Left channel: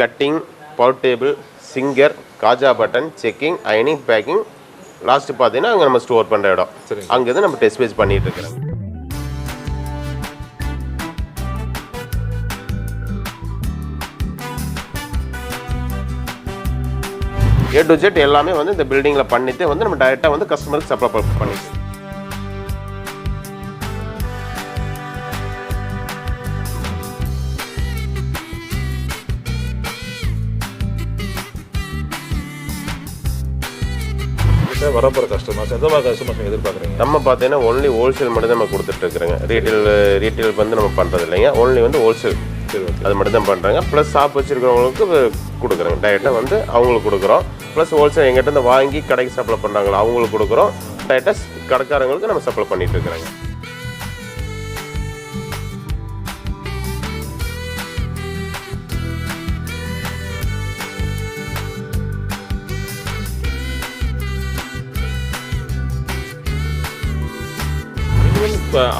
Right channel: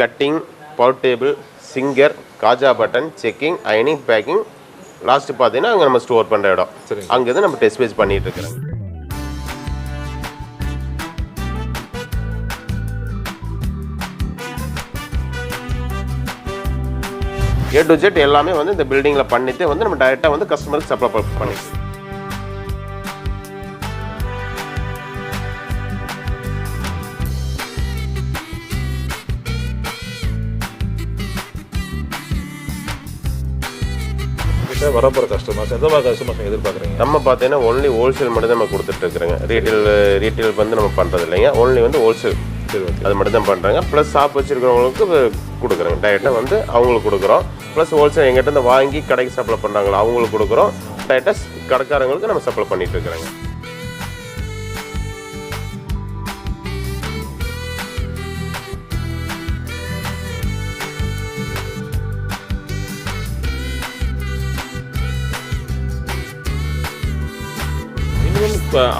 Cutting, power table, singer, காஜா button, checking, அயனிங், packing, last பார்த்தீங்கன்னா அங்கே நம்ம ஸ்டோர் பண்ணுற இடம். அங்கேருந்து நம்ம டெஸ்ட் பேஸ் பண்ணிட்டு இருக்கிறோம். A to Z எல்லாமே வந்து இந்த பில்டிங்கில் பண்ணிட்டு வந்து நம்ம டைரெக்டாக வந்து கஸ்டமருக்கு சப்ளை பண்ணிக்கலாம். வரப்போகிற கஸ்டமர்ஸ் எந்த மாதிரி கஸ்டமர்ஸ் நீங்கள் எதிர்பார்க்குறீங்க? நம்ம பார்த்தீங்கன்னா ஒன்லி ஹோல்சேல் மட்டும் தான் நம்ம கொடுத்துட்ருக்குறோங்க. ரீட்டெயில் வந்து நம்ம பண்ணுறது இல்லைங்க. ஒன்லி வந்து ஹோல்சேல் அது மட்டும் தான் பண்ணுறாங்க. ப்ளஸ் ஷாப் வச்சுருக்கிறவங்களுக்கு கொடுக்குறோங்க. டைரெக்டாக வந்து அவங்களுக்கு கொடுக்குறோம். ப்ளஸ் ஹோல்சேல் எங்கிட்ட இருந்து வாங்கி கடைக்கு சப்ளை பண்ணுறாங்களோ அவங்களுக்கு கொடுக்குறோம். டைரெக்டாக கடைக்காரங்களுக்கு நம்ம சப்ளை பண்ணிட்டு இருக்கிறோங்க.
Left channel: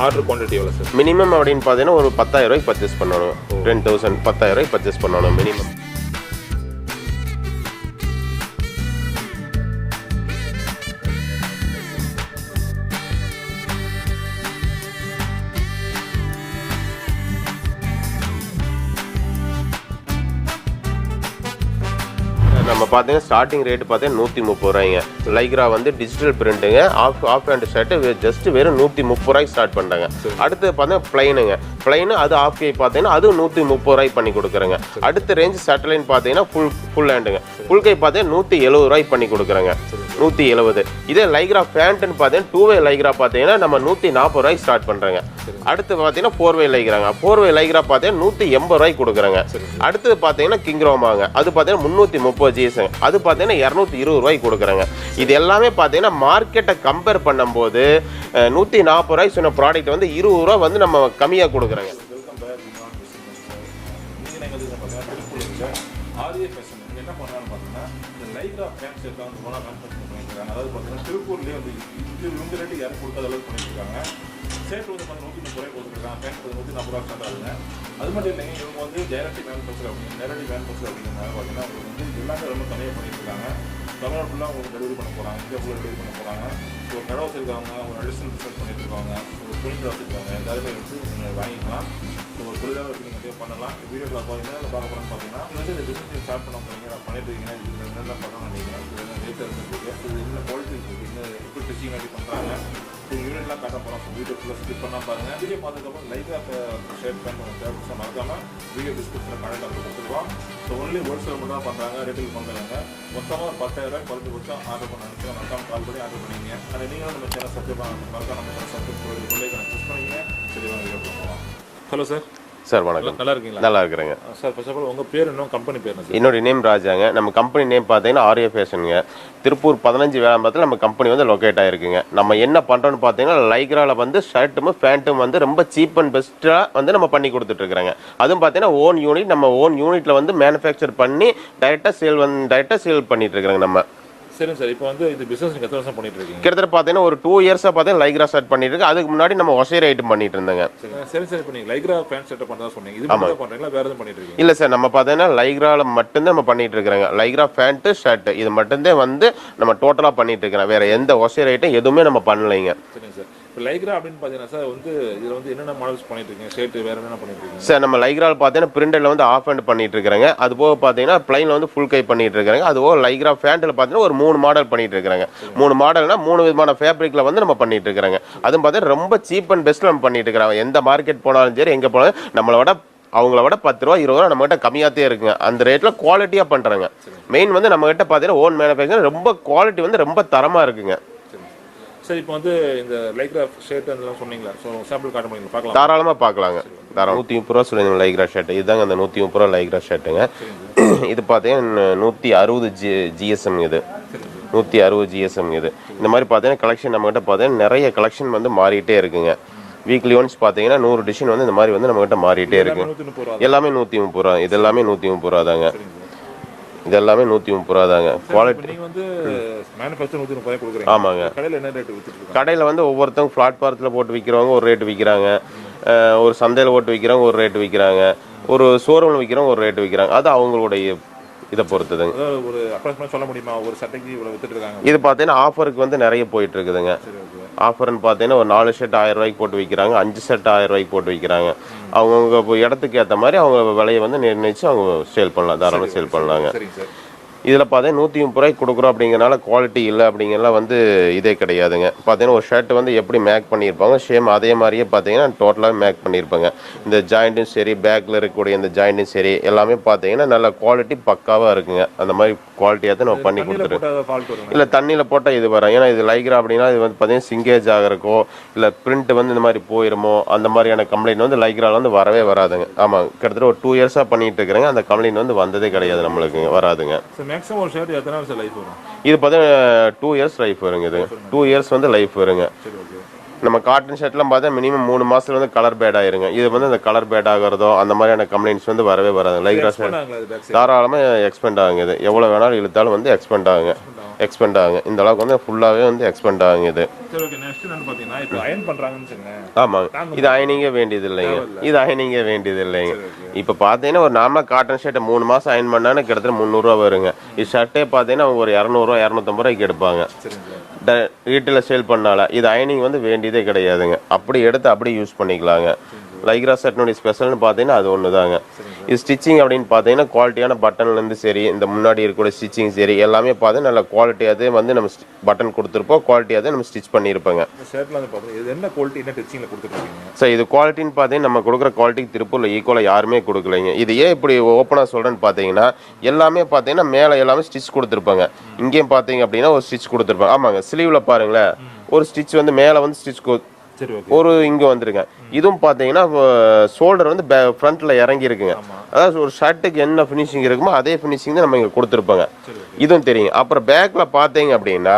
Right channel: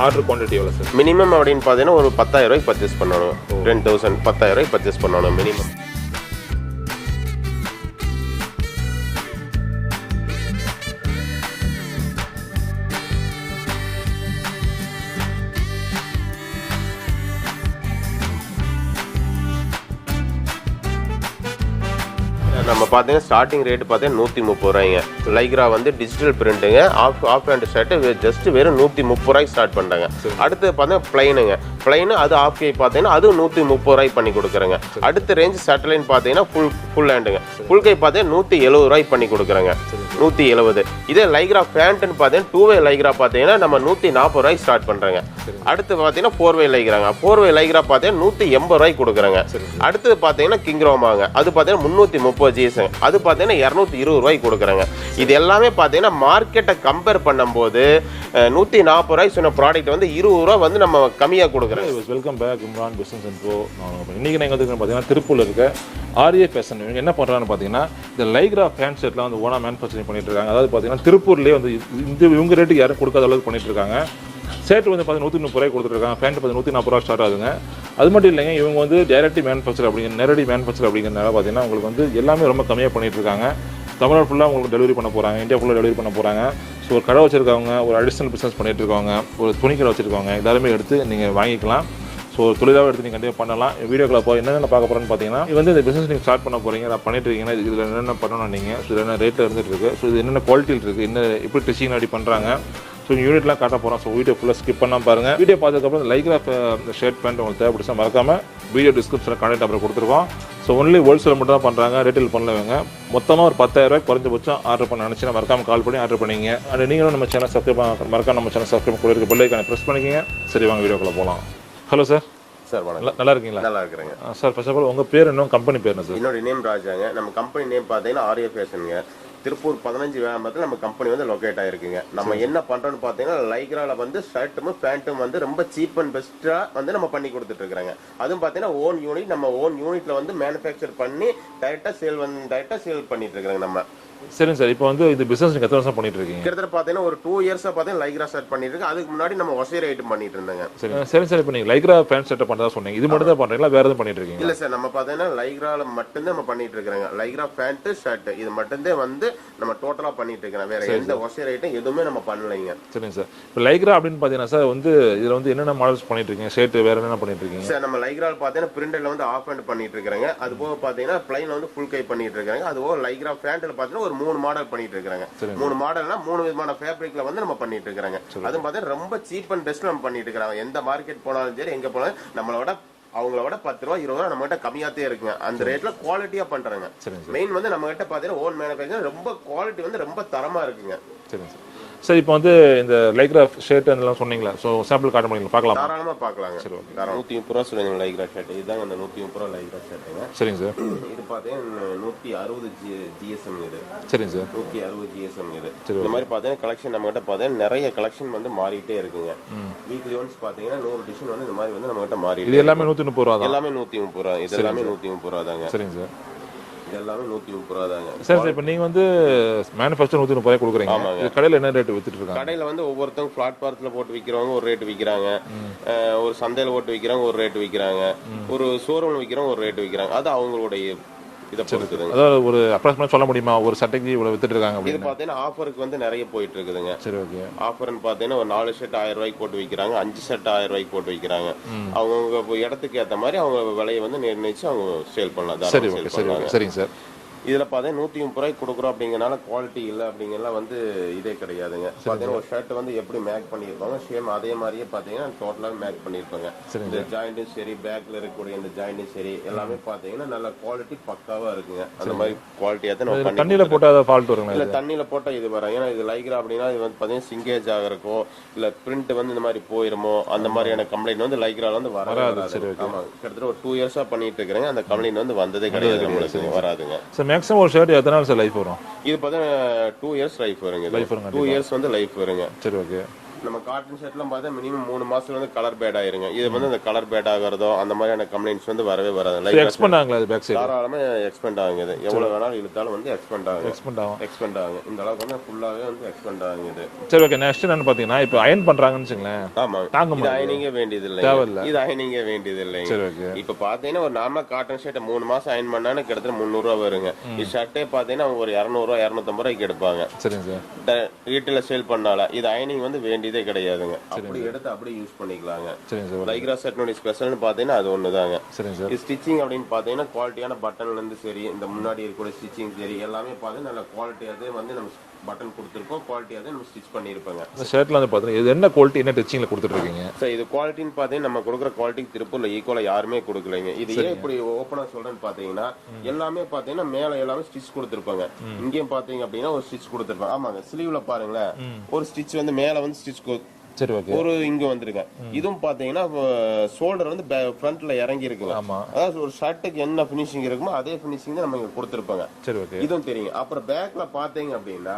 ஆர்டர் குவான்டிட்டி எவ்வளோ சார்? மினிமம் அப்படின்னு பார்த்தீங்கன்னா ஒரு 10,000 ரூபாய்க்கு பர்ச்சேஸ் பண்ணணும். 10,000 10,000 ரூபாய்க்கு பர்ச்சேஸ் பண்ணணும் மினிமம். நம்ம பார்த்தீங்கன்னா ஸ்டார்டிங் ரேட்டு பார்த்தீங்கன்னா 130 ரூபாய்ங்க. லைக்ரா வந்து டிஜிட்டல் பிரிண்ட்டுங்க. ஆஃப் ஹேண்ட் ஷர்ட்டு ஜஸ்ட் வெறும் 130 ரூபாய்க்கு ஸ்டார்ட் பண்ணுறாங்க. அடுத்து பார்த்தீங்கன்னா பிளைனுங்க. பிளைனு அது ஆஃப் கை பார்த்தீங்கன்னா அது 130 ரூபாய்க்கு பண்ணி கொடுக்குறேங்க. அடுத்த ரேஞ்ச் சட்டலைன் பார்த்தீங்கன்னா ஃபுல் ஹேண்டுங்க. ஃபுல் கை பார்த்தீங்கன்னா 170 ரூபாய்க்கு பண்ணி கொடுக்குறேங்க. 170. இதே லைக்ரா பேண்ட்டுன்னு பார்த்தீங்கன்னா 2 வே லைக்ரா பார்த்தீங்கன்னா நம்ம 140 ரூபாய்க்கு ஸ்டார்ட் பண்ணுறேங்க. அடுத்து பார்த்தீங்கன்னா 4 வே லைக்ராங்க. 4 வே லைக்ரா பார்த்தீங்கன்னா 180 ரூபாய்க்கு கொடுக்குறேங்க. அடுத்து பார்த்தீங்கன்னா கிங்ரோமாங்க. அது பார்த்தீங்கன்னா 330 ஜிஎஸ்ங்க. அது பார்த்தீங்கன்னா 220 ரூபாய்க்கு கொடுக்குறாங்க. இது எல்லாமே பார்த்தீங்கன்னா மார்க்கெட்டை கம்பேர் பண்ணும்போது 140 ரூபாய்க்கு சொன்ன ப்ராடக்ட் வந்து 20 ரூபா வந்து நம்ம கம்மியாக கொடுக்குறாங்க. Welcome back Imran business info. இன்றைக்கி நீங்கள் வந்து பார்த்தீங்கன்னா திருப்பூரில் இருக்க ஆர்ஏ ஃபேஷன் இவங்க என்ன பண்ணுறாங்கன்னு பார்த்தீங்கன்னா இந்த லைக்ரா பேண்ட் ஷர்ட்லாம் வந்து ஓனாக மேனுஃபேக்சரிங் பண்ணிட்டு இருக்காங்க. அதாவது பார்த்தீங்கன்னா திருப்பூர்லேயே வந்து இவங்க ரேட்டுக்கு யாரும் கொடுக்காத அளவுக்கு பண்ணிட்டு இருக்காங்க. ஷர்ட் வந்து பார்த்தீங்கன்னா 130 ரூபாய் கொடுத்துருக்காங்க. பேண்ட் பார்த்தீங்கன்னா 140 ரூபா ஸ்டார்ட் ஆகுதுங்க. அது மட்டும் இல்லைங்க, இவங்க வந்து டைரக்ட் மேனுஃபேக்சர் நேரடி மேனுஃபேக்சர் அப்படிங்கிறதுனால பார்த்தீங்கன்னா உங்களுக்கு வந்து எல்லாமே ரொம்ப கம்மியாக பண்ணிட்டு இருக்காங்க. தமிழ்நாடு ஃபுல்லாக உங்களுக்கு டெலிவரி பண்ண போகிறாங்க. இந்தியா ஃபுல்லாக டெலிவரி பண்ண போகிறாங்க. ஸோ ஒரு கடை வச்சுருக்கவங்க, ஒரு அடிஷ்னல் பிஸ்னஸ் பண்ணிட்டு இருக்காங்க, ஒரு துணி கடை வச்சுருக்காங்க, எல்லாருமே எடுத்து நீங்கள் வாங்கிக்கலாம். ஸோ தொழிலாக எடுத்து நீங்கள் கண்டிப்பாக பண்ணலாம். வீடியோக்களை போய் என்னென்ன பார்க்க போகிறோன்னு பார்த்தீங்கன்னா இது வந்து இந்த பிஸ்னஸ் நீங்கள் ஸ்டார்ட் பண்ண போகிறீங்க, நான் பண்ணிட்டு இருக்கீங்கன்னா இதில் என்னென்ன பண்ணணும் நீங்கள், ஸோ என்ன ரேட்டில் இருந்துட்டு இருக்குது, ஸோ இது என்னென்ன குவாலிட்டியில் இருக்குது, என்ன எப்படி டெஸ்டிங் அப்படி பண்ணுறாங்க, ஸோ யூனிட்லாம் காட்ட போகிறோம். ஸோ வீடியோ ஃபுல்லாக ஸ்கிப் பண்ணால் பாருங்கள். வீடியோ பார்த்ததுக்கப்புறம் லைக்ரா ஷர்ட் பேண்ட் உங்களுக்கு தேவைப்படுச்சா மறக்காமல் வீடியோ டிஸ்கிரிப்ஷனில் கான்டாக்ட் அப்புறம் கொடுத்துருக்கோம். ஸோ ஒன்லி ஹோல்சேல் மட்டும் தான் பண்ணுறாங்க, ரீட்டெயில் பண்ணலவங்க. மொத்தமாக ஒரு 10,000 ரூபாய் குறைஞ்சபட்சம் ஆர்டர் பண்ண நினச்சினா மறக்காமல் கால் பண்ணி ஆர்டர் பண்ணிங்க. அண்ட் நீங்களும் நம்ம சேனல் சப்ஸ்கிரைப் மறக்காம நம்ம சேனல் சப்ஸ்கிரைப் கூட இருக்க பெல்லைக்கான ப்ரெஸ் பண்ணிக்கிங்க. சரி வாங்க வீடியோக்குள்ளே போகலாம். Hello sir. சார் வணக்கம். நல்லா இருக்கீங்களா? நல்லா இருக்கிறேங்க சார். ஃபர்ஸ்ட் ஆஃப் ஆல் உங்கள் பேர் என்ன, கம்பெனி பேர் என்ன சார்? என்னோட நேம் ராஜாங்க. நம்ம கம்பெனி நேம் பார்த்தீங்கன்னா ஆர்ஏ ஃபேஷனுங்க. திருப்பூர் 15 வேளாம்பரத்தில் நம்ம கம்பெனி வந்து லொக்கேட் ஆகிருக்குங்க. நம்ம என்ன பண்ணுறோன்னு பார்த்தீங்கன்னா லைக்ராவில் வந்து ஷர்ட்டும் பேண்ட்டும் வந்து ரொம்ப சீப் அண்ட் பெஸ்ட்டாக வந்து நம்ம பண்ணி கொடுத்துட்ருக்குறாங்க. அதுவும் பார்த்தீங்கன்னா ஓன் யூனிட், நம்ம ஓன் யூனிட்டில் வந்து மேனுஃபேக்சர் பண்ணி டைரெக்டாக சேல் பண்ணிட்டு இருக்கிறாங்க நம்ம. சரிங்க சார். இப்போ வந்து இது பிசினஸ் நீங்கள் எத்தனை வருஷம் பண்ணிட்டு இருக்கீங்க? கிட்டத்தட்ட பார்த்தீங்கன்னா ஒரு 2 இயர்ஸாக பார்த்தீங்கன்னா லைக்ரா ஸ்டார்ட் பண்ணிட்டு இருக்கு. அதுக்கு முன்னாடி நம்ம ஒசைர் ஐட்டம் பண்ணிட்டு இருந்தாங்க. சரி சார். இப்போ நீங்கள் லைக்ரா பேண்ட் ஷர்ட் பண்ணதா சொன்னீங்க, இது மட்டும் தான் பண்ணுறீங்களா வேறு எதுவும் பண்ணிட்டு இருக்கீங்க? இல்லை சார், நம்ம பார்த்தீங்கன்னா லைக்ராவில் மட்டும்தான் நம்ம பண்ணிட்டு இருக்கிறாங்க. லைக்ரா பேண்ட்டு ஷர்ட் இது மட்டும்தான் வந்து நம்ம டோட்டலாக பண்ணிட்டு இருக்கிறோம். வேற எந்த ஒசைர் ஐட்டம் எதுவுமே நம்ம பண்ணலைங்க. சரிங்க சார். இப்போ லைக்ரா அப்படின்னு பார்த்தீங்கன்னா சார் வந்து இதில் வந்து என்னென்ன மாடல்ஸ் பண்ணிட்டு இருக்கீங்க? ஷர்ட் வேறு என்னென்ன பண்ணிட்டு இருக்கீங்க சார்? நம்ம லைக்ராவில் பார்த்தீங்கன்னா பிரிண்டரில் வந்து ஆஃப் ஹேண்ட் பண்ணிட்டு இருக்கிறாங்க. அது போக பார்த்தீங்கன்னா பிளைனில் வந்து ஃபுல் கை பண்ணிட்டு இருக்காங்க. அதுபோக லைக்ரா பேண்ட்டில் பார்த்தீங்கன்னா ஒரு 3 மாடல் பண்ணிட்டு இருக்காங்க. 3 மாடல்னா 3 விதமான ஃபேப்ரிக்ல வந்து நம்ம பண்ணிட்டு இருக்காங்க. அதுவும் பார்த்தா ரொம்ப சீப் அண்ட் பெஸ்ட்ல நம்ம பண்ணிட்டு இருக்காங்க. எந்த மார்க்கெட் போனாலும் சரி, எங்க போனாலும் நம்மளோட அவங்கள விட 10 ரூபா 20 ரூபா நம்ம கிட்ட கம்மியாத்தே இருக்குங்க. அந்த ரேட்ல குவாலிட்டியா பண்றாங்க. மெயின் வந்து நம்ம கிட்ட பாத்தீங்கன்னா ஓன் மேனுஃபேக்சர் ரொம்ப குவாலிட்டி வந்து ரொம்ப தரமா இருக்குங்க. சார் இப்போ வந்து இந்த லைக்ரா ஷர்ட் அதெல்லாம் சொன்னீங்களா? ஸோ சாம்பிள் காட்ட முடியுங்களா? பார்க்கலாம், தாராளமாக பார்க்கலாங்க. 130 ரூபா சொல்லுங்க லைக்ரா ஷர்ட். இதுதாங்க அந்த 130 ரூபா லைக்ரா ஷர்ட்டுங்க. சரிங்க சார். இது பார்த்தீங்கன்னா 160 ஜிஎஸ்எம் இது. சரிங்க சார். 160 ஜிஎஸ்எம் இது. இந்த மாதிரி பார்த்தீங்கன்னா கலெக்ஷன் நம்ம கிட்ட பார்த்தீங்கன்னா நிறைய கலெக்ஷன் வந்து மாறிட்டே இருக்குங்க. வீக்லி ஒன்ஸ் பார்த்தீங்கன்னா 100 டிசைன் வந்து இந்த மாதிரி வந்து நம்ம கிட்ட மாறிட்டே இருக்கு. எல்லாமே 130 ரூபா. எல்லாமே 130 ரூபா. இது எல்லாமே 130 ரூபா தாங்க. சரிங்க சார். இது எல்லாமே 130 ரூபா தாங்க. சரி, இப்போ நீங்க வந்து மேனுஃபேக்சர் 130 ரூபாய் கொடுக்குறீங்க. ஆமாங்க. கடையில் என்ன ரேட் வித்துட்டு இருக்காங்க? கடையில் வந்து ஒவ்வொருத்தவங்க பிளாட்பாரத்தில் போட்டு விற்கிறவங்க ஒரு ரேட்டு விற்கிறாங்க, ஒரு சந்தையில் போட்டு விற்கிறவங்க ஒரு ரேட்டு விற்கிறாங்க, ஒரு ஷோரூமில் விற்கிறவங்க ஒரு ரேட்டு விற்கிறாங்க. அது அவங்களுடைய இதை பொறுத்ததுங்க. அதாவது ஒரு அப்ராக்சிமேட் சொல்ல முடியுமா ஒரு சட்டைக்கு இவ்வளோ வித்துட்டு இருக்காங்க? இது பார்த்தீங்கன்னா ஆஃபருக்கு வந்து நிறைய போயிட்டு இருக்குதுங்க. சரி, ஓகே. ஆஃபர்னு பார்த்தீங்கன்னா ஒரு 4 ஷர்ட் 1000 ரூபாய்க்கு போட்டு விற்கிறாங்க, 5 ஷர்ட் 1000 ரூபாய்க்கு போட்டு விற்கிறாங்க. அவங்கவுங்க இடத்துக்கு ஏற்ற மாதிரி அவங்க விலையை வந்து நிர்ணயிச்சு அவங்க சேல் பண்ணலாம், தாராளமாக சேல் பண்ணலாங்க. சரிங்க சார். இதில் பார்த்தீங்கன்னா 130 ரூபாய்க்கு கொடுக்குறோம் அப்படிங்கிறனால குவாலிட்டி இல்லை அப்படிங்கிறலாம் வந்து இதே கிடையாதுங்க. பார்த்தீங்கன்னா ஒரு ஷர்ட் வந்து எப்படி மேக் பண்ணியிருப்பாங்க சேம் அதே மாதிரியே பார்த்தீங்கன்னா டோட்டலாக மேக் பண்ணியிருப்பாங்க. இந்த ஜாயிண்ட்டும் சரி, பேக்கில் இருக்கக்கூடிய இந்த ஜாயிண்ட்டும் சரி எல்லாமே பார்த்தீங்கன்னா நல்ல குவாலிட்டி பக்காவாக இருக்குங்க. அந்த மாதிரி குவாலிட்டியாக தான் நம்ம பண்ணி கொடுத்துருக்கோம். இல்லை தண்ணியில் போட்டால் இது வரும். ஏன்னா இது லைக்ரா அப்படின்னா இது வந்து பார்த்தீங்கன்னா சிங்கேஜ் ஆகிறக்கோ இல்லை பிரிண்ட் வந்து இந்த மாதிரி போயிருமோ அந்த மாதிரியான கம்ப்ளைண்ட் வந்து லைக்ரால வந்து வரவே வராதுங்க. ஆமாம், கிட்டத்தட்ட ஒரு 2 இயர்ஸாக பண்ணிட்டு இருக்கிறேங்க. அந்த கம்ப்ளைண்ட் வந்து வந்ததே கிடையாது நம்மளுக்கு, வராதுங்க. மேக்ஸிமம் ஒரு ஷர்ட் எத்தனை நாள் லைஃப் வரும்? இது பார்த்தீங்கன்னா 2 இயர்ஸ் லைஃப் வருங்க. இது 2 இயர்ஸ் வந்து லைஃப் வருங்க. சரி, ஓகே. நம்ம காட்டன் ஷர்ட்லாம் பார்த்தா மினிமம் 3 மாசத்துல வந்து கலர் பேட் ஆயிருங்க. இது வந்து அந்த கலர் பேட் ஆகிறதோ அந்த மாதிரியான கம்ப்ளைண்ட்ஸ் வந்து வரவே வராது. தாராளமா எக்ஸ்பெண்ட் ஆகுங்க. இது எவ்வளவு வேணாலும் இழுத்தாலும் வந்து எக்ஸ்பெண்ட் ஆகுங்க. இந்த அளவுக்கு வந்து ஃபுல்லாவே வந்து எக்ஸ்பெண்ட் ஆகுங்க இது. சரி, ஓகே. நெக்ஸ்ட் என்ன பாத்தீங்கன்னா இப்போ அயர்ன் பண்றாங்கன்னு வச்சுங்களேன். ஆமாங்க, இது அயனிங்கே வேண்டியது இல்லைங்க. இது அயனிங்கே வேண்டியது இல்லைங்க. இப்போ பார்த்தீங்கன்னா ஒரு நார்மலா காட்டன் ஷர்ட் 3 மாசம் அயன் பண்ணானே கிட்டத்தட்ட 300 ரூபா வருங்க. இது ஷர்ட்டே பார்த்தீங்கன்னா ஒரு 200 ரூபா 250 ரூபாய்க்கு எடுப்பாங்க. ரீட்டைல சேல் பண்ணால இது அயனிங் வந்து வேண்டியதே கிடையாதுங்க. அப்படி எடுத்து அப்படி யூஸ் பண்ணிக்கலாங்க. லைக்ரா ஷர்ட்னுடைய ஸ்பெஷல்னு பார்த்தீங்கன்னா அது ஒண்ணுதாங்க. இது ஸ்டிச்சிங் அப்படின்னு பார்த்தீங்கன்னா குவாலிட்டியான பட்டன்ல இருந்து சரி, இந்த முன்னாடி இருக்கக்கூடிய ஸ்டிச்சிங் சரி எல்லாமே பார்த்தீங்கன்னா நல்ல குவாலிட்டியாவே வந்து நம்ம பட்டன் கொடுத்துருப்போம், குவாலிட்டியாவே நம்ம ஸ்டிச் பண்ணியிருப்பாங்க. ஷர்ட்ல வந்து பார்த்தீங்கன்னா இது என்ன குவாலிட்டி என்ன ஸ்டிச்சிங்ல கொடுத்துருக்கீங்க? சார் இது குவாலிட்டின்னு பார்த்தீங்கன்னா நம்ம கொடுக்குற குவாலிட்டிக்கு திருப்பூர்ல ஈக்குவலா யாருமே கொடுக்கலைங்க. இது ஏன் இப்படி ஓப்பனா சொல்றேன்னு பார்த்தீங்கன்னா எல்லாமே பார்த்தீங்கன்னா மேல எல்லாமே ஸ்டிச் கொடுத்துருப்பாங்க. இங்கேயும் பார்த்தீங்க அப்படின்னா ஒரு ஸ்டிச் கொடுத்துருப்பாங்க. ஆமாங்க, ஸ்லீவ்ல பாருங்களேன் ஒரு ஸ்டிச் வந்து மேல வந்து ஸ்டிச் ஒரு இங்க வந்துருங்க. இதுவும் பாத்தீங்கன்னா ஷோல்டர் வந்து ஃப்ரண்ட்ல இறங்கி இருக்குங்க. அதாவது ஒரு ஷர்ட்டுக்கு என்ன ஃபினிஷிங் இருக்குமோ அதே ஃபினிஷிங் தான் நம்ம இங்க கொடுத்துருப்பாங்க. இதுவும் தெரியும். அப்புறம் பேக்ல பாத்தீங்க அப்படின்னா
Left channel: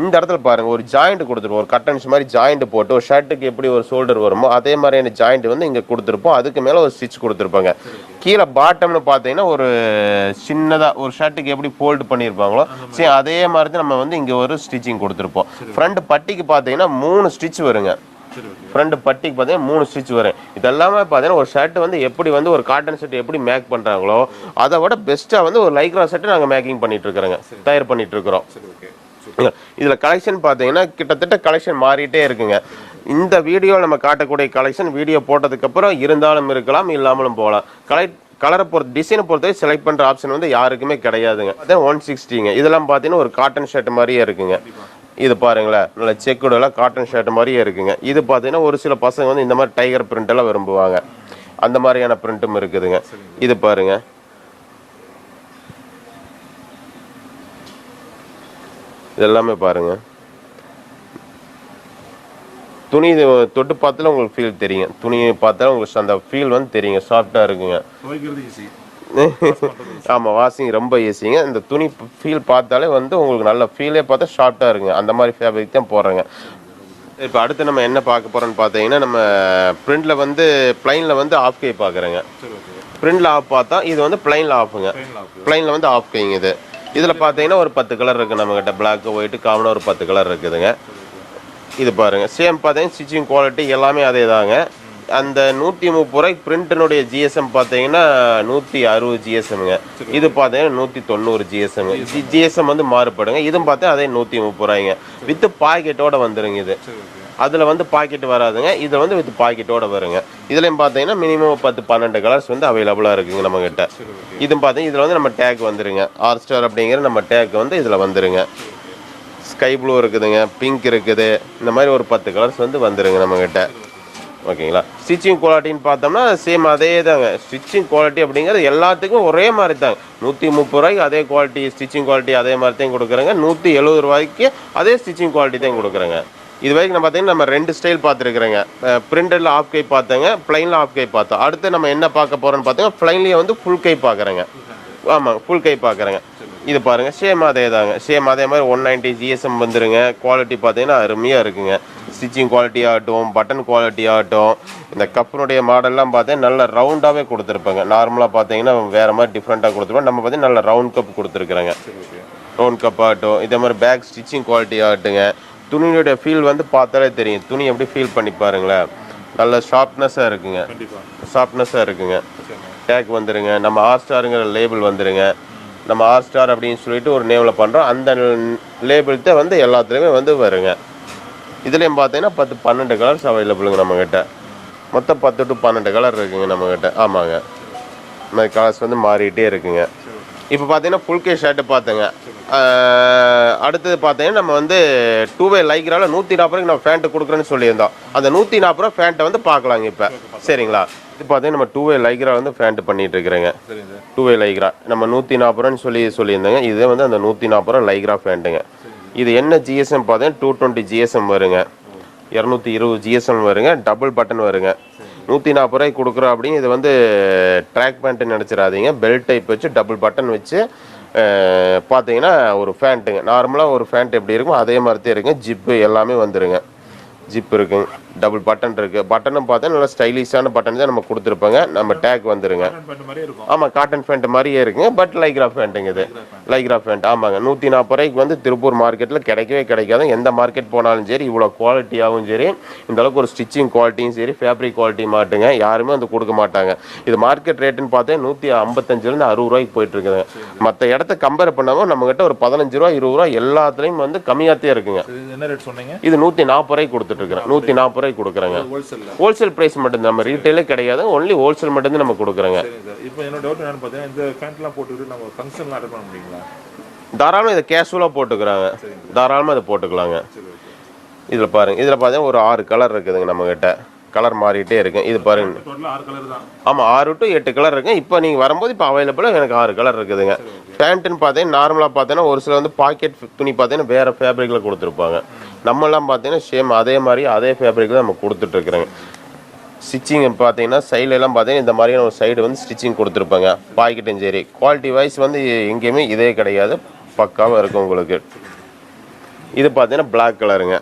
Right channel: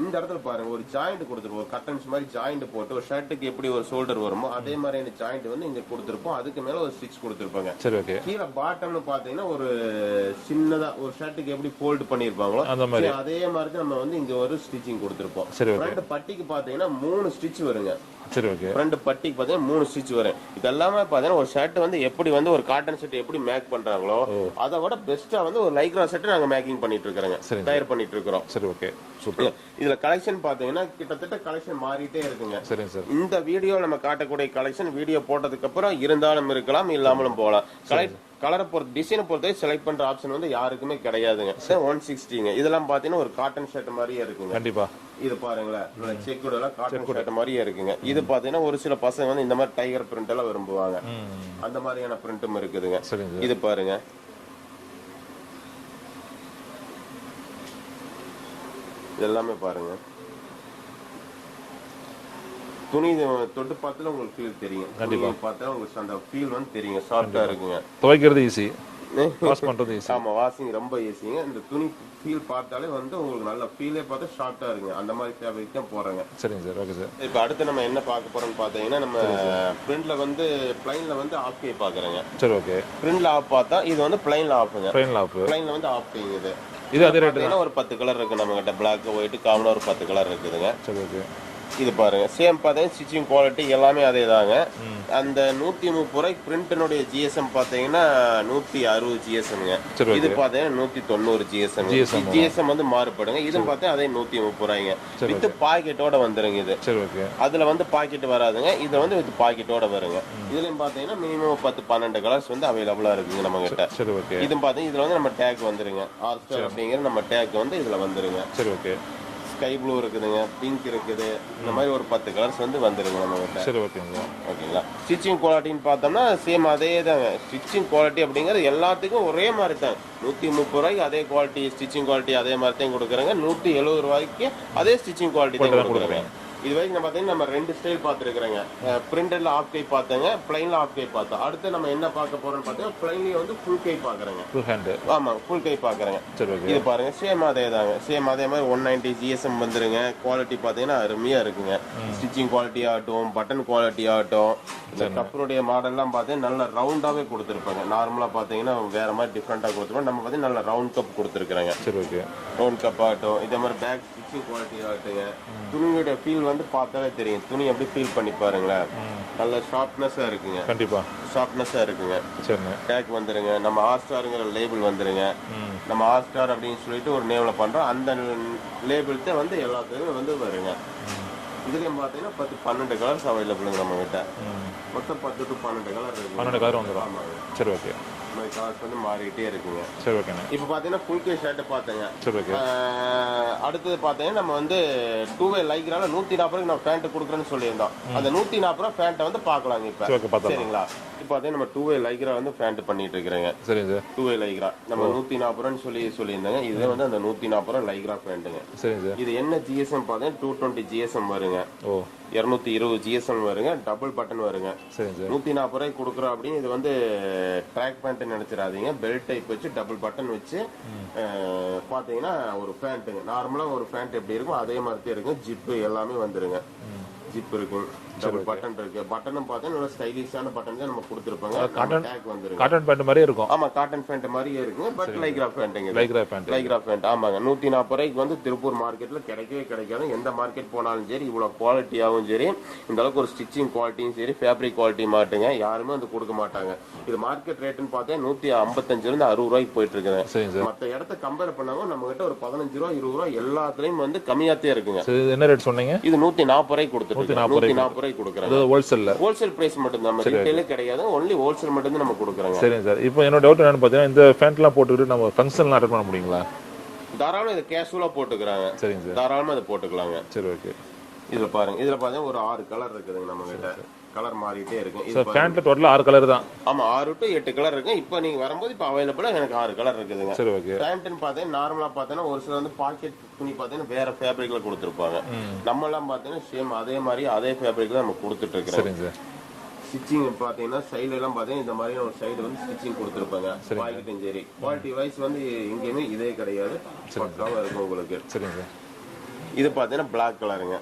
இந்த இடத்துல பாருங்க ஒரு ஜாயிண்ட் கொடுத்துருப்போம், ஒரு கட்டன்ஸ் மாதிரி ஜாயிண்ட் போட்டு ஒரு ஷர்ட்டுக்கு எப்படி ஒரு ஷோல்டர் வருமோ அதே மாதிரியான ஜாயிண்ட் வந்து இங்க கொடுத்துருப்போம். அதுக்கு மேல ஒரு ஸ்டிச் கொடுத்துருப்பாங்க. கீழே பாட்டம்னு பாத்தீங்கன்னா ஒரு சின்னதா ஒரு ஷர்ட்டுக்கு எப்படி ஃபோல்ட் பண்ணிருப்பாங்களோ சரி அதே மாதிரி தான் நம்ம வந்து இங்க ஒரு ஸ்டிச்சிங் கொடுத்துருப்போம். ஃப்ரண்ட் பட்டிக்கு பாத்தீங்கன்னா 3 ஸ்டிச் வருங்க. ஃப்ரண்ட் பட்டிக்கு பாத்தீங்கன்னா 3 ஸ்டிச் வரும். இதெல்லாமே பாத்தீங்கன்னா ஒரு ஷர்ட் வந்து எப்படி வந்து ஒரு காட்டன் ஷர்ட் எப்படி மேக் பண்றாங்களோ அதை விட பெஸ்டா வந்து ஒரு லைக்ரா ஷர்ட் நாங்க மேக்கிங் பண்ணிட்டு இருக்கிறோங்க, தயார் பண்ணிட்டு இருக்கிறோம். சரி, ஓகே. இதுல கலெக்ஷன் பாத்தீங்கன்னா கிட்டத்தட்ட கலெக்ஷன் மாறிட்டே இருக்குங்க. இந்த வீடியோ நம்ம காட்டக்கூடிய கலெக்ஷன் வீடியோ போட்டதுக்கு அப்புறம் இருந்தாலும் இருக்கலாம், இல்லாமலும் போகலாம். கலரை பொறுத்து டிசைனை பொறுத்தவரை செலக்ட் பண்ற ஆப்ஷன் வந்து யாருக்குமே கிடையாதுங்க. 160ங்க. இதெல்லாம் பாத்தீங்கன்னா ஒரு காட்டன் ஷர்ட் மாதிரியே இருக்குங்க. இது பாருங்களேன் நல்ல செக்குடு எல்லாம் காட்டன் ஷர்ட் மாதிரியே இருக்குங்க. இது பாத்தீங்கன்னா ஒரு சில பசங்க வந்து இந்த மாதிரி டைகர் பிரிண்ட் எல்லாம் விரும்புவாங்க, அந்த மாதிரியான பிரிண்ட்டும் இருக்குதுங்க. இது பாருங்க, இதெல்லாமே பாருங்க துணி தொட்டு பார்த்தாலும் உங்களுக்கு ஃபீல் தெரியும். துணியை பார்த்தாலும் உங்களுக்கு அந்த ஃபீல் வந்து தெரியுங்க, சாஃப்டா இருக்குங்க. துவைக்கிறது ஈஸி. ஆமா, வாஷிங் ரொம்ப ஈஸிங்க. இந்த துணி ஃபீல் பார்த்தாலே வந்து உங்களுக்கு நல்ல ஃபீலே பார்த்தா ஷார்ட்டா இருக்குங்க. அந்த மாதிரி ஃபேப்ரிக் தான் போடுறேங்க. இப்போ அடுத்து நம்ம என்ன பார்க்க போறோம்னு பார்த்தீங்கன்னா நம்ம பிரிண்ட்ல வந்து பிளைன்ல வந்து ஆஃப் கை பார்க்குறேங்க. சரி, ஓகே. பிரிண்ட்ல ஆஃப் பார்த்தா இது வந்து பிளைன்ல ஆஃப்ங்க. பிளைன்ல வந்து ஆஃப் கைங்க. இதுல பார்த்தீங்கன்னா ஒரு 10 கலர் இருக்கு நம்ம கிட்ட. பிளாக், ஒயிட், காமனா ஒரு 10 கலர் இருக்குதுங்க. இது பாருங்க சேம் பார்த்தீங்கன்னா ஸ்டிச்சிங் குவாலிட்டி எல்லாமே அதே தாங்க. அந்த 130 ரூபாய்க்கு பிரிண்டினுடைய ஜிஎஸ்எம் பார்த்தீங்கன்னா 160 ஜிஎஸ்எம்ங்க. இது பார்த்தீங்கன்னா 190 ஜிஎஸ்எம். ஜிஎஸ்எம் வந்து மாறுபடுங்க. இதுவும் பார்த்தா அதே 130 ரூபாய்ங்க. வித் பாக்கெட்டோட வந்துருங்க. இது அதுல வந்து பாக்கெட் வராதுங்க, இது வந்து வித் பாக்கெட்டோட வருங்க. இதுலயும் பார்த்தீங்கன்னா மினிமம் 10-12 கலர்ஸ் வந்து அவைலபிளா இருக்குங்க நம்ம கிட்ட. இது பார்த்தீங்கன்னா இதுல வந்து நம்ம டேக் வந்துருங்க. ஆர்ஸ்டார் அப்படிங்கிற நம்ம டேக் வந்து இதுல வந்துருங்க. ஸ்கை ப்ளூ இருக்குதுங்க, பிங்க் இருக்குது, இந்த மாதிரி ஒரு 10 கலர்ஸ் வந்து வந்துருங்க நம்ம கிட்ட. ஓகேங்களா. ஸ்டிச்சிங் குவாலிட்டின்னு பார்த்தோம்னா சேம் அதே தாங்க. ஸ்டிச்சிங் குவாலிட்டி அப்படிங்கிறது எல்லாத்துக்கும் ஒரே மாதிரி தாங்க. 130 ரூபாய்க்கு அதே குவாலிட்டி ஸ்டிச்சிங் குவாலிட்டி அதே மாதிரி தான் கொடுக்குறேங்க. 170 ரூபாய்க்கு அதே ஸ்டிச்சிங் குவாலிட்டி தான் கொடுக்குறேங்க. இது வரைக்கும் நம்ம பார்த்தீங்கன்னா நம்ம 2 ஸ்டைல் பார்த்துருக்குறேங்க. பிரிண்டட்ல ஆஃப் கை பார்த்தேங்க, பிளைன்ல ஆஃப் கை பார்த்தோம். அடுத்து நம்ம என்ன பார்க்க போறோம்னு பார்த்தீங்கன்னா பிளைன்லயே வந்து ஃபுல் கை பார்க்குறேங்க. ஆமா, ஃபுல் கை பார்க்குறேங்க. இது பாருங்க, சேம் அதே தாங்க. சேம் அதே மாதிரி 190 GSM வந்துருங்க. குவாலிட்டி பார்த்தீங்கன்னா அருமையா இருக்குங்க. ஸ்டிச்சிங் குவாலிட்டி ஆகட்டும், பட்டன் குவாலிட்டி ஆகட்டும், இந்த கப்பனுடைய மாடல்லாம் பார்த்தீங்கன்னா நல்ல ரவுண்டாவே கொடுத்துருப்பாங்க. நார்மலா பார்த்தீங்கன்னா வேற மாதிரி டிஃப்ரெண்டா கொடுத்துருப்போம். நம்ம பார்த்தீங்கன்னா நல்ல ரவுண்ட் கப் கொடுத்துருக்குறேங்க. ரவுண்ட் கப் ஆகட்டும், இதே மாதிரி பேக் ஸ்டிச்சிங் குவாலிட்டி ஆகட்டுங்க. துணியோட ஃபீல் வந்து பார்த்தாலே தெரியும். துணி எப்படி ஃபீல் பண்ணி பாருங்களேன். நல்ல ஷார்ப்னஸாக இருக்குங்க. கண்டிப்பாக ஷார்ப்னஸாக இருக்குங்க. டேக் வந்துருங்க. நம்ம ஆர் ஸ்டாருங்கிற லேபிள் வந்துருங்க. நம்ம ஆர் ஸ்டார் அப்படின்னு சொல்லிட்டு ஒரு நேமில் பண்ணுறோம். அந்த லேபிள்கிட்ட வந்து எல்லாத்துலேயுமே வந்து வருங்க. இதுலேயும் பார்த்தீங்கன்னா 10-12 கலர்ஸ் அவைலபிளுங்க நம்மக்கிட்ட. மொத்தம் 10 to 12 கலர் இருக்குங்க நம்மக்கிட்ட. ஆமாங்க. சரி, ஓகே. இந்த கலர்ஸ் வந்து மாறிட்டே இருக்குங்க. இப்போ பார்த்தீங்கன்னா ஃபுல் கே ஷர்ட் பார்த்தேங்க. அடுத்தது பார்த்தீங்கன்னா நம்ம வந்து 2-வே லைக்ரால 140 நம்ம ஃபேண்ட் கொடுக்குறேன்னு சொல்லியிருந்தோம். அந்த 140 ஃபேண்ட்டை வந்து பார்க்கலாங்க இப்போ. சரிங்களா? இப்போ பார்த்தீங்கன்னா நம்ம 2-வே லைக்ரா வந்து ஃபேண்ட் பண்ணிட்டு இருக்கிறேங்க. 2-வே லைக்ரா நம்ம 140 சொல்லியிருந்தேங்க. இதே வந்து அந்த 140 லைக்ரா ஃபேண்ட்டுங்க. இது என்ன GSM பார்த்தீங்கன்னா 220 GSM வருங்க. 220 GSM வருங்க. டபுள் பட்டன் வருங்க. 140 கொடுக்குறோம் அப்படின்னு. இது வந்து ட்ராக் பேண்ட் நினச்சிடாதீங்க. பெல்ட் டைப் வச்சு டபுள் பட்டன் வச்சு பார்த்தீங்கன்னா ஒரு ஃபேண்ட்டுங்க. நார்மலாக ஒரு ஃபேண்ட் எப்படி இருக்கும் அதே மாதிரி தான் இருக்குங்க. ஜிப்பு எல்லாமே வந்துருங்க. ஜிப் இருக்குங்க. டபுள் பட்டன் இருக்கு. பட்டனும் பார்த்தா நல்ல ஸ்டைலிஷான பட்டன் தான் நம்ம கொடுத்துருப்பாங்க. நம்ம டேக் வந்துருங்க. ஆமா, காட்டன் பேண்ட் மாதிரியே இருக்குங்க. பட் லைக்ரா பேண்ட்டுங்க. இது லைக்ரா பேண்ட். ஆமாங்க. 140 வந்து திருப்பூர் மார்க்கெட்ல கிடைக்கவே கிடைக்காது. எந்த மார்க்கெட் போனாலும் சரி இவ்வளோ குவாலிட்டியாகவும் சரி, இந்த அளவுக்கு ஒரு ஸ்டிச்சிங் குவாலிட்டியும் சரி, ஃபேப்ரிக் குவாலிட்டி மாட்டுங்க யாருமே வந்து கொடுக்க மாட்டாங்க. இது மார்க்கெட் ரேட்டுன்னு பார்த்தா 155 60 போயிட்டு இருக்குங்க. மற்ற இடத்த கம்பேர் பண்ணாம நம்ம கிட்ட ஒரு 15 ரூபா 20 ரூபா எல்லாத்துலயும் வந்து கம்மியாத்தே இருக்குங்க. என்ன ரேட் சொன்னீங்க? இது 140 கொடுத்துட்டு இருக்கோம். 140 கொடுக்குறாங்க. ஹோல்சேல் பிரைஸ் மட்டும் நம்ம ரீட்டைலே கிடையாது. ஒன்லி ஹோல்சேல் மட்டும் தான் நம்ம கொடுக்குறோங்க. சரி சார். இப்போ என்னோட டவுட் என்னன்னு பார்த்தீங்கன்னா இந்த பேண்ட்லாம் போட்டுக்கிட்டு நம்ம ஃபங்க்ஷன்லாம் அட்டெண்ட் பண்ண முடியுங்களா? தாராளமாக இதை கேஷுவலாக போட்டுக்கிறாங்க. சரிங்க, தாராளமாக இதை போட்டுக்கலாங்க. சரி, ஓகே. இதில் பாருங்க, இதில் பார்த்தீங்கன்னா ஒரு 6 கலர் இருக்குதுங்க நம்ம கிட்ட. கலர் மாறிட்டே இருக்கு. இது பாருங்க, டோட்டலா 6 கலர் தான். ஆமா, 6 to 8 கலர் இருக்கு. இப்போ நீங்க வரும்போது இப்போ அவைலபிளா எனக்கு 6 கலர் இருக்குதுங்க. பேண்ட்னு பார்த்தீங்கன்னா நார்மலா பார்த்தீங்கன்னா ஒரு சில வந்து பாக்கெட் துணி பார்த்தீங்கன்னா வேற ஃபேப்ரிக்ல கொடுத்துருப்பாங்க. நம்ம எல்லாம் பார்த்தீங்கன்னா சேம் அதே மாதிரி அதே ஃபேப்ரிக்ல நம்ம கொடுத்துட்டு இருக்கிறோம். ஸ்டிச்சிங் பார்த்தீங்கன்னா சைடுல எல்லாம் பார்த்தீங்கன்னா இந்த மாதிரியான ஒரு சைடு வந்து ஸ்டிச்சிங் கொடுத்துருப்பாங்க. பாக்கெட்டும் சரி, குவாலிட்டி வைஸ் வந்து எங்கேயுமே இதே கிடையாது. பக்காவாக இருக்கும் உங்களுக்கு. இது பார்த்தீங்கன்னா பிளாக் கலருங்க.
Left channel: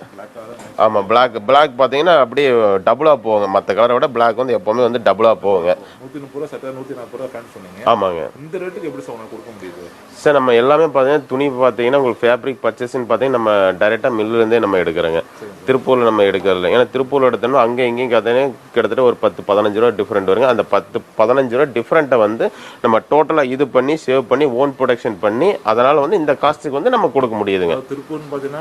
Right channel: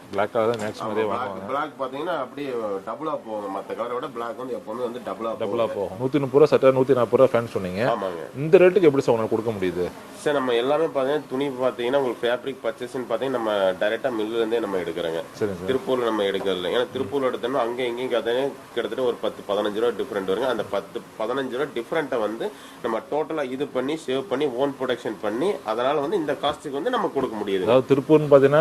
ஆமாம், பிளாக் பார்த்தீங்கன்னா அப்படியே டபுளாக போகுங்க. மற்ற கலரை விட பிளாக் வந்து எப்போவுமே வந்து டபுளாக போகுங்க. 130 சட்டை 140 ஃபேன் சொன்னீங்க. ஆமாங்க. இந்த ரேட்டுக்கு எப்படி சார் கொடுக்க முடியுது சார்? நம்ம எல்லாமே பார்த்தீங்கன்னா துணி பார்த்தீங்கன்னா உங்களுக்கு ஃபேப்ரிக் பர்ச்சேஸ்ன்னு பார்த்தீங்கன்னா நம்ம டைரெக்டாக மில்லுலேருந்தே நம்ம எடுக்கிறோங்க. திருப்பூரில் நம்ம எடுக்கிறதில்ல. ஏன்னா திருப்பூரில் எடுத்தோம்னா அங்கே இங்கேயும் பார்த்தீங்கன்னா கிட்டத்தட்ட ஒரு 10-15 ரூபா டிஃப்ரெண்ட் வருங்க. அந்த 10-15 ரூபா டிஃப்ரெண்ட்டை வந்து நம்ம டோட்டலாக இது பண்ணி சேவ் பண்ணி ஓன் ப்ரொடக்ஷன் பண்ணி அதனால் வந்து இந்த காஸ்ட்டுக்கு வந்து நம்ம கொடுக்க முடியுதுங்க. திருப்பூர்னு பார்த்தீங்கன்னா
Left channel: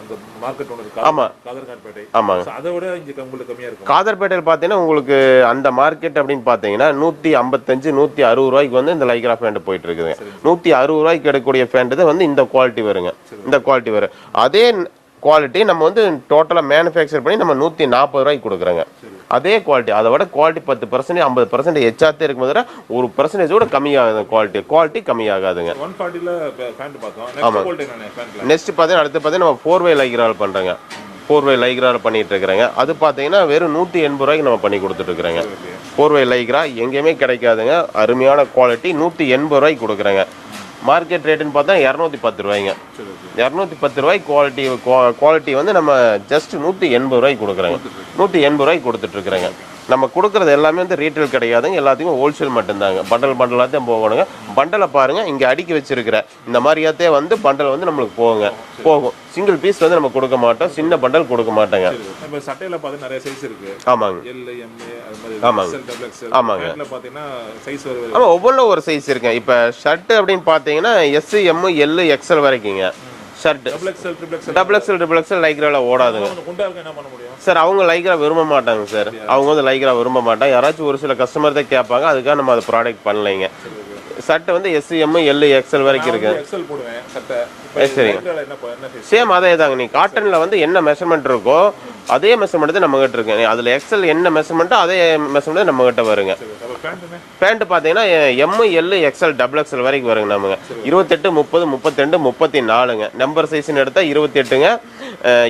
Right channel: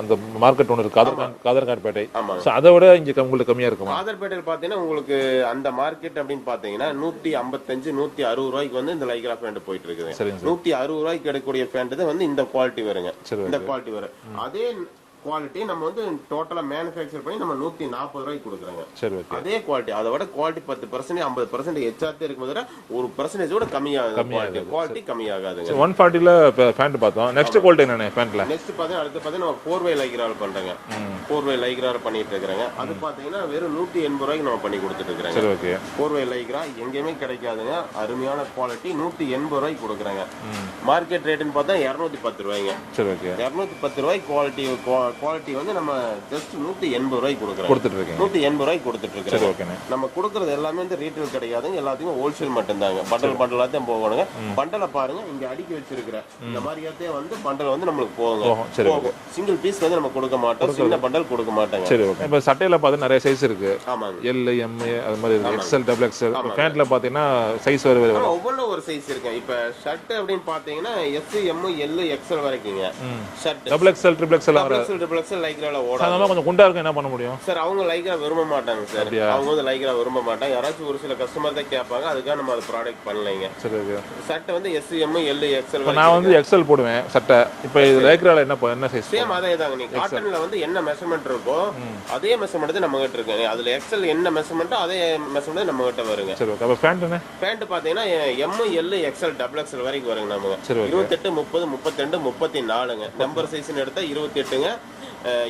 அந்த மார்க்கெட் ஒன்று இருக்கு. ஆமா, காதர்கார்பேட்டை. ஆமா, அதை விட இங்க உங்களுக்கு கம்மியா இருக்கும். காதர்பேட்டையில் பார்த்தீங்கன்னா உங்களுக்கு அந்த மார்க்கெட் அப்படின்னு பார்த்தீங்கன்னா 155-160 ரூபாய்க்கு வந்து இந்த லைக்ரா பேண்ட் போயிட்டு இருக்குது. 160 ரூபாய்க்கு எடுக்கக்கூடிய பேண்ட் தான் வந்து இந்த குவாலிட்டி வருங்க. இந்த குவாலிட்டி வரும். அதே குவாலிட்டி நம்ம வந்து டோட்டலா மேனுஃபேக்சர் பண்ணி நம்ம 140 ரூபாய்க்கு கொடுக்குறோங்க. அதே குவாலிட்டி, அதை விட குவாலிட்டி 10% 50% எச்சாத்தே இருக்கும் போது 1% கூட கம்மியாகுது. குவாலிட்டி கம்மியாகாதுங்க. 140ல பேண்ட் பார்த்தோம். நெக்ஸ்ட் குவாலிட்டி என்ன பேண்ட்ல? நெக்ஸ்ட் பார்த்தீங்கன்னா அடுத்து பார்த்தீங்கன்னா நம்ம 4-வே லைக்ரால் பண்றோங்க. 4-வே லைக்ரால் பண்ணிட்டு இருக்கிறாங்க. அது பார்த்தீங்கன்னா வெறும் 180 ரூபாய்க்கு நம்ம பண்ணி கொடுத்துட்டு இருக்கிறாங்க. 4-வே லைக்ரா எங்கேயுமே கிடைக்காதுங்க. அருமையான குவாலிட்டி 180 ரூபாய்க்கு கொடுக்குறாங்க. மார்க்கெட் ரேட்டுன்னு பார்த்தா 210 ரூபாய்ங்க. 210 ரூபாய் குவாலிட்டி வந்து நம்ம ஜஸ்ட் 180 ரூபாய்க்கு கொடுக்குறோம். 180 ரூபாய்க்கு கொடுத்துட்டு இருக்கிறாங்க. நம்ம கொடுக்கறது எல்லாமே வந்து ரீட்டைல் கிடையாதுங்க. எல்லாத்தையும் ஹோல்சேல் மட்டும்தாங்க. பண்டலாத்தையும் போகணுங்க. பண்டலை பாருங்க, இங்க அடுக்கி வச்சிருக்கிற இந்த மாதிரியாத்தே வந்து பண்டல் வந்து நம்மளுக்கு போகும். சிங்கிள் பீஸ் வந்து நம்ம கொடுக்க மாட்டோம். சின்ன பண்டல் கொடுக்க மாட்டாங்க. இப்போ சட்டையில பார்த்தா நிறைய சைஸ் இருக்கு. ஆமாங்க. எல், எம், அது மாதிரி XL, XXL. பேண்ட்ல பார்த்தீங்கன்னா சைஸ் வருது. ஆமா, ஒவ்வொன்றும் ஒரு சைஸ் இருக்கு. இப்போ ஷர்ட் அப்படின்னு பார்த்தீங்கன்னா S, M, L, XL வரைக்குங்க. ஷர்ட் XXL லைக்ரால ஓடாது. கொஞ்சம் குண்டா இருக்கு, என்ன பண்ண முடியும் சார்? அவங்க லைக்ரா விரும்ப மாட்டாங்க சார். அவங்க வந்து லைக்ரா விரும்ப மாட்டாங்க. யாராச்சும் ஒரு சில கஸ்டமர் தான் கேட்பாங்க. அதுக்காக நம்ம அது ப்ராடக்ட் பண்ணலைங்க. சட்டை வந்து S, M, L, XL வரைக்கும் இருக்கு. XL போடுவேன் சட்டை. இப்போ லைக்ரால என்ன சைஸ்? சேம் அதே தாங்க. நீ காட்டன்ல வந்து என்ன மெஷர்மென்ட் இருக்கோ அதே மெஷர்மென்ட் தான் நம்ம கிட்ட இருக்கு. அதுல XL என்ன மெஷர்மென்ட்டோ அதே மெஷர்மென்ட் நம்ம கிட்ட வருங்க. பேண்ட் பாத்தீங்கன்னா M, L, XL, XXL வரைக்கும் வருங்க. நமக்கு 28, 30, 32, 34ங்க. ஜம்பர் சைஸ்னு எடுத்தா 28ங்க,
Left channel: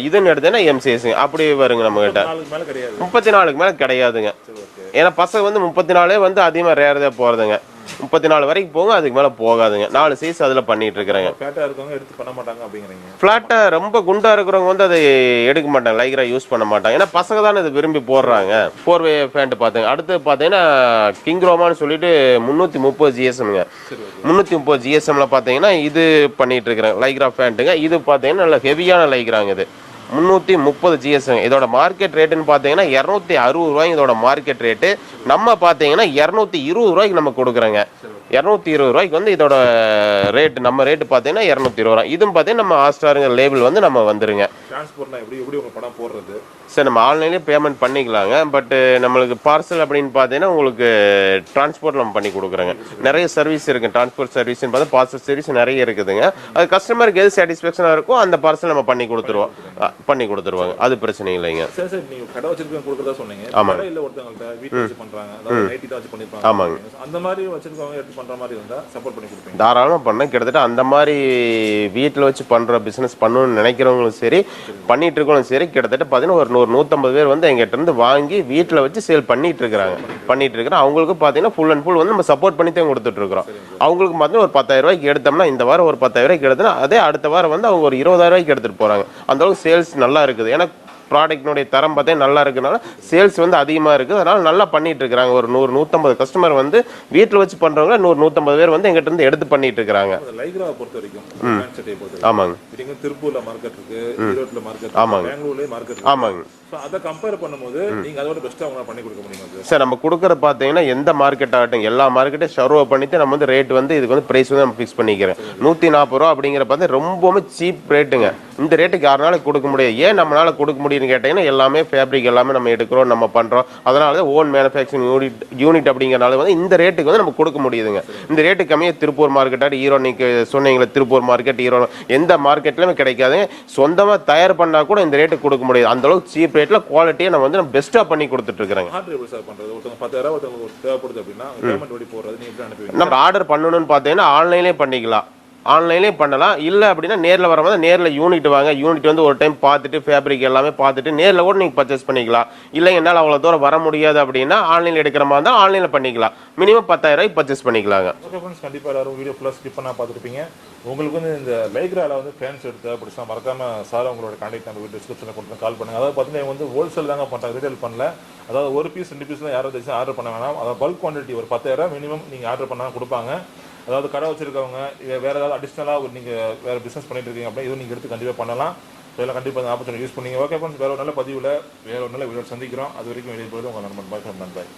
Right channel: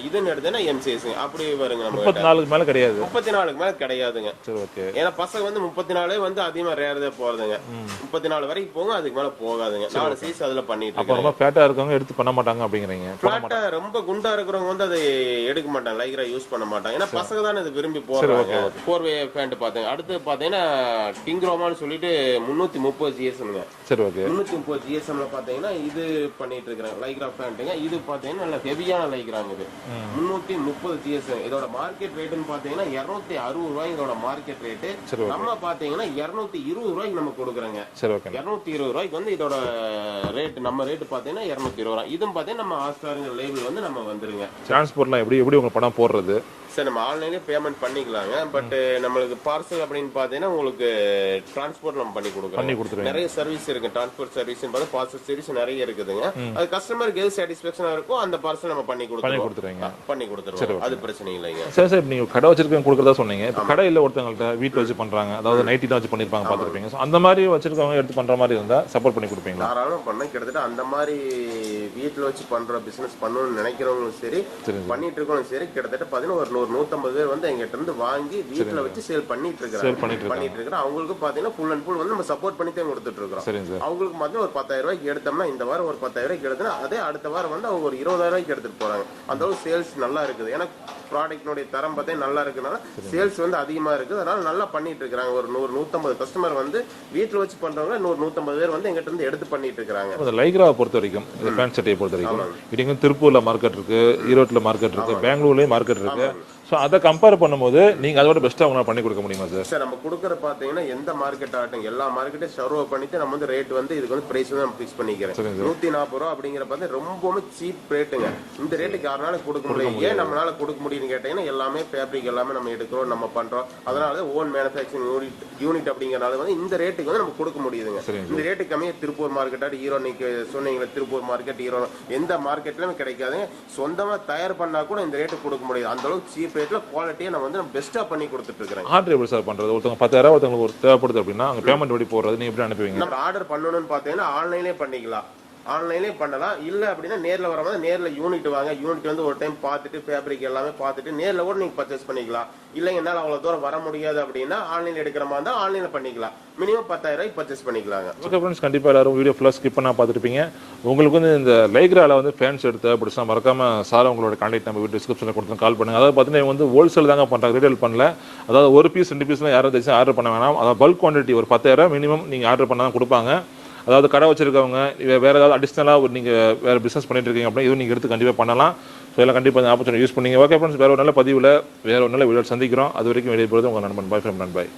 இதுன்னு எடுத்தேன்னா எம் சைஸுங்க. அப்படி வருங்க நம்ம கிட்ட. 34க்கு மேல கிடையாது. 34க்கு மேல கிடையாதுங்க. ஏன்னா பசங்க வந்து 34 வந்து அதிகமா ரேர் தான் போறதுங்க. 34 வரைக்கும் போகும், அதுக்கு மேல போகாதுங்க. 4 சைஸ் அதுல பண்ணிட்டு இருக்காங்க. ஃபிளாட்டா இருக்கவங்க எடுத்து பண்ண மாட்டாங்க அப்படிங்கறீங்க. ஃபிளாட்டா ரொம்ப குண்டா இருக்கிறவங்க வந்து அதை எடுக்க மாட்டாங்க, லைக்ரா யூஸ் பண்ண மாட்டாங்க. ஏன்னா பசங்க தானே இதை விரும்பி போடுறாங்க. 4-வே பேண்ட் பாத்தீங்க. அடுத்து பாத்தீங்கன்னா கிங் ரோமான்னு சொல்லிட்டு 330 ஜிஎஸ்எம்ங்க. 330 ஜிஎஸ்எம்ல பாத்தீங்கன்னா இது பண்ணிட்டு இருக்கிறேன் லைக்ரா பேண்ட்டுங்க. இது பாத்தீங்கன்னா நல்ல ஹெவியான லைக்ராங்க. இது 330 ஜிஎஸ்எம். இதோட மார்க்கெட் ரேட்டுன்னு பாத்தீங்கன்னா 260 ரூபாய் இதோட மார்க்கெட் ரேட்டு. நம்ம பாத்தீங்கன்னா 220 ரூபாய்க்கு நம்ம கொடுக்குறோங்க. 220 ரூபாய்க்கு வந்து இதோட ரேட், நம்ம ரேட் பாத்தீங்கன்னா 220 ரூபாய். இதுவும் பாத்தீங்கன்னா நம்ம ஹாட்ஸ்டாருங்க லேபிள் வந்து நம்ம வந்துருங்க. டிரான்ஸ்போர்ட்லாம் எப்படி உங்க படம் போடுறது? சரி, நம்ம ஆன்லைன்லேயே பேமெண்ட் பண்ணிக்கலாங்க. பட் நம்மளுக்கு பார்சல் அப்படின்னு பார்த்தீங்கன்னா உங்களுக்கு டிரான்ஸ்போர்ட் நம்ம பண்ணி கொடுக்குறோங்க. நிறைய சர்வீஸ் இருக்கு. டிரான்ஸ்போர்ட் சர்வீஸ் பார்த்தா பார்சல் சர்வீஸ் நிறைய இருக்குதுங்க. அது கஸ்டமருக்கு எது சாட்டிஸ்ஃபேக்ஷனாக இருக்கோ அந்த பார்சல் நம்ம பண்ணி கொடுத்துருவோம். அது பிரச்சனை இல்லைங்க. சரி சார், நீங்க கடை வச்சிருக்கீங்க கொடுக்குறதா சொன்னீங்க. கடை இல்ல ஒருத்தவங்கள்ட்ட வீட்டில் வச்சு பண்றாங்க, அதாவது நைட்டி தான் வச்சு பண்ணிருப்பாங்க. அந்த மாதிரி வச்சிருக்கவங்க எடுத்து பண்ற மாதிரி இருந்தா சப்போர்ட் பண்ணி கொடுப்பீங்க? தாராளமாக பண்ண. கிட்டத்தட்ட அந்த மாதிரி வீட்டில் வச்சு பண்ற பிசினஸ் பண்ணணும்னு நினைக்கிறவங்களும் சரி, பண்ணிட்டு இருக்கவங்களும் சரி, கிட்டத்தட்ட பார்த்தீங்கன்னா ஒரு 150 பேர் வந்து எங்கிட்ட இருந்து வாங்கி வீட்டுல வச்சு சேல் பண்ணிட்டு இருக்கிறாங்க. அவங்களுக்கு பாத்தீங்கன்னா ஃபுல் அண்ட் ஃபுல் வந்து நம்ம சப்போர்ட் பண்ணி தான் கொடுத்துட்டு இருக்கோம். அவங்களுக்கு பாத்தீங்கன்னா ஒரு 10,000 ரூபாய்க்கு எடுத்தோம்னா, இந்த வாரம் ஒரு 10,000 ரூபாய்க்கு எடுத்தோம்னா அதே அடுத்த வாரம் வந்து அவங்க ஒரு 20,000 ரூபாய்க்கு எடுத்துட்டு போறாங்க. அந்த அளவுக்கு சேல்ஸ் நல்லா இருக்குது. ஏன்னா ப்ராடக்ட்னுடைய தரம் பார்த்தா நல்லா இருக்குனால சேல்ஸ் வந்து அதிகமாக இருக்குது. அதனால நல்லா பண்ணிட்டு இருக்காங்க. ஒரு 100-150 கஸ்டமர் வந்து வீட்டில் வச்சு பண்றவங்க 100-150 பேர் வந்து எங்கிட்ட இருந்து எடுத்து பண்ணிட்டு இருக்காங்க. லைக்ராவை பொறுத்த வரைக்கும், பேண்ட் சட்டையை பொறுத்த வரைக்கும், ஆமாங்க, இங்க திருப்பூர்ல மார்க்கெட் இருக்கு, ஈரோட்ல மார்க்கெட் இருக்கு, பெங்களூர்லயும் மார்க்கெட் இருக்கு. ஆமாங்க. ஸோ அதை கம்பேர் பண்ணும்போது நீங்க அதோட பெஸ்ட்டாக உங்களால் பண்ணி கொடுக்க முடியுமா சார்? சார், நம்ம கொடுக்குற பார்த்தீங்கன்னா எந்த மார்க்கெட் ஆகட்டும் எல்லா மார்க்கெட்டையும் சர்வ் பண்ணிட்டு நம்ம வந்து ரேட் வந்து இதுக்கு வந்து பிரைஸ் வந்து நம்ம ஃபிக்ஸ் பண்ணிக்கிறேன். 140 ரூபா அப்படிங்கிற பார்த்து ரொம்பவுமே சீப் ரேட்டுங்க. இந்த ரேட்டுக்கு யாருனால கொடுக்க முடியாது. ஏன் நம்மளால கொடுக்க முடியும்னு கேட்டீங்கன்னா எல்லாமே ஃபேப்ரிக் எல்லாமே நம்ம எடுக்கிறோம், நம்ம பண்றோம். அதனால ஓன் மேனுஃபேக்சரிங் யூனிட் அப்படிங்கிறனால வந்து இந்த ரேட்டுக்கு வந்து நம்ம கொடுக்க முடியுதுங்க. இந்த ரேட்டு கம்மியாக திருப்பூர் மார்க்கெட், ஈரோடு நீங்க சொன்னீங்களா திருப்பூர் மார்க்கெட், ஈரோடு எந்த மார்க்கெட்லயுமே கிடைக்காதுங்க. சொந்தமா தயார் பண்ணா கூட இந்த ரேட்டுக்கு கொடுக்க முடியாது. அந்த அளவுக்கு சீப் ரேட்ல குவாலிட்டியை நம்ம வந்து பெஸ்டா பண்ணி கொடுத்துட்டு இருக்காங்க. ஆர்டர் எப்படி சார் பண்றது? ஒருத்தவங்க 10,000 ஒருத்தவங்களுக்கு ஒரு தேவைப்படுது அப்படின்னா அங்க பேமெண்ட் எப்படி போடுறது, நீங்க எப்படி அனுப்புவீங்க? நம்ம ஆர்டர் பண்ணணும்னு பார்த்தீங்கன்னா ஆன்லைன்லேயே பண்ணிக்கலாம். ஆன்லைன்லேயே பண்ணலாம். இல்லை அப்படின்னா நேரில் வரும்போது நேரில் யூனிட் வாங்க. யூனிட் வந்து ஒரு டைம் பார்த்துட்டு ஃபேப்ரிக் எல்லாமே பார்த்துட்டு நேரில் கூட நீங்கள் பர்ச்சேஸ் பண்ணிக்கலாம். இல்லை என்னால் அவ்வளோ தூரம் வர முடியாது அப்படின்னா ஆன்லைனில் எடுக்கிற மாதிரி இருந்தால் ஆன்லைனில் பண்ணிக்கலாம். மினிமம் 10,000 ரூபாய் பர்ச்சேஸ் பண்ணிக்கலாங்க. ஓகே ஃப்ரெண்ட்ஸ், கண்டிப்பாக எல்லாரும் வீடியோ ஃபுல்லாக ஸ்கிப் பண்ணால் பார்த்துருப்பீங்க. உங்களுக்கு வந்து இந்த லைக்ராவில் வந்து ஃபேன்ஸ் எடுத்து அப்படின்னா மறக்காம சார் உங்களோட கான்டாக்ட் நம்ம வீடியோ டிஸ்கிரிப்ஷனில் கொடுத்து கால் பண்ணுங்க. அதாவது பார்த்தீங்கன்னா வந்து ஹோல்சேல் தாங்க பண்ணுறாங்க, ரீட்டைல் பண்ணல. அதாவது ஒரு பீஸ் 2 பீஸ்லாம் யாரும் தச்சு ஆர்டர் பண்ண வேணாம். அதாவது பல்க் குவான்டிட்டி ஒரு 10,000 மினிமம் நீங்கள் ஆர்டர் பண்ணால் தான் கொடுப்பாங்க. அதாவது கடை வச்சிருக்கவங்க வேறு ஏதாவது அடிஷ்னலாக நீங்கள் வேறு பிஸ்னஸ் பண்ணிட்டு இருக்கீங்க அப்படின்னா இதுவும் நீங்கள் எடுத்து கண்டிப்பாக பண்ணலாம். ஸோ எல்லாம் கண்டிப்பாக இந்த ஆப்பர்ச்சுனிட்டி யூஸ் பண்ணிங்க. ஓகே ஃப்ரெண்ட்ஸ், வேறு ஒரு நல்ல பதிவில் வேறு ஒரு நல்ல வீடியோ சந்திக்கிறோம். அது வரைக்கும் வெளியே போகிறது உங்கள் நண்பன். Bye from நண்பாய்.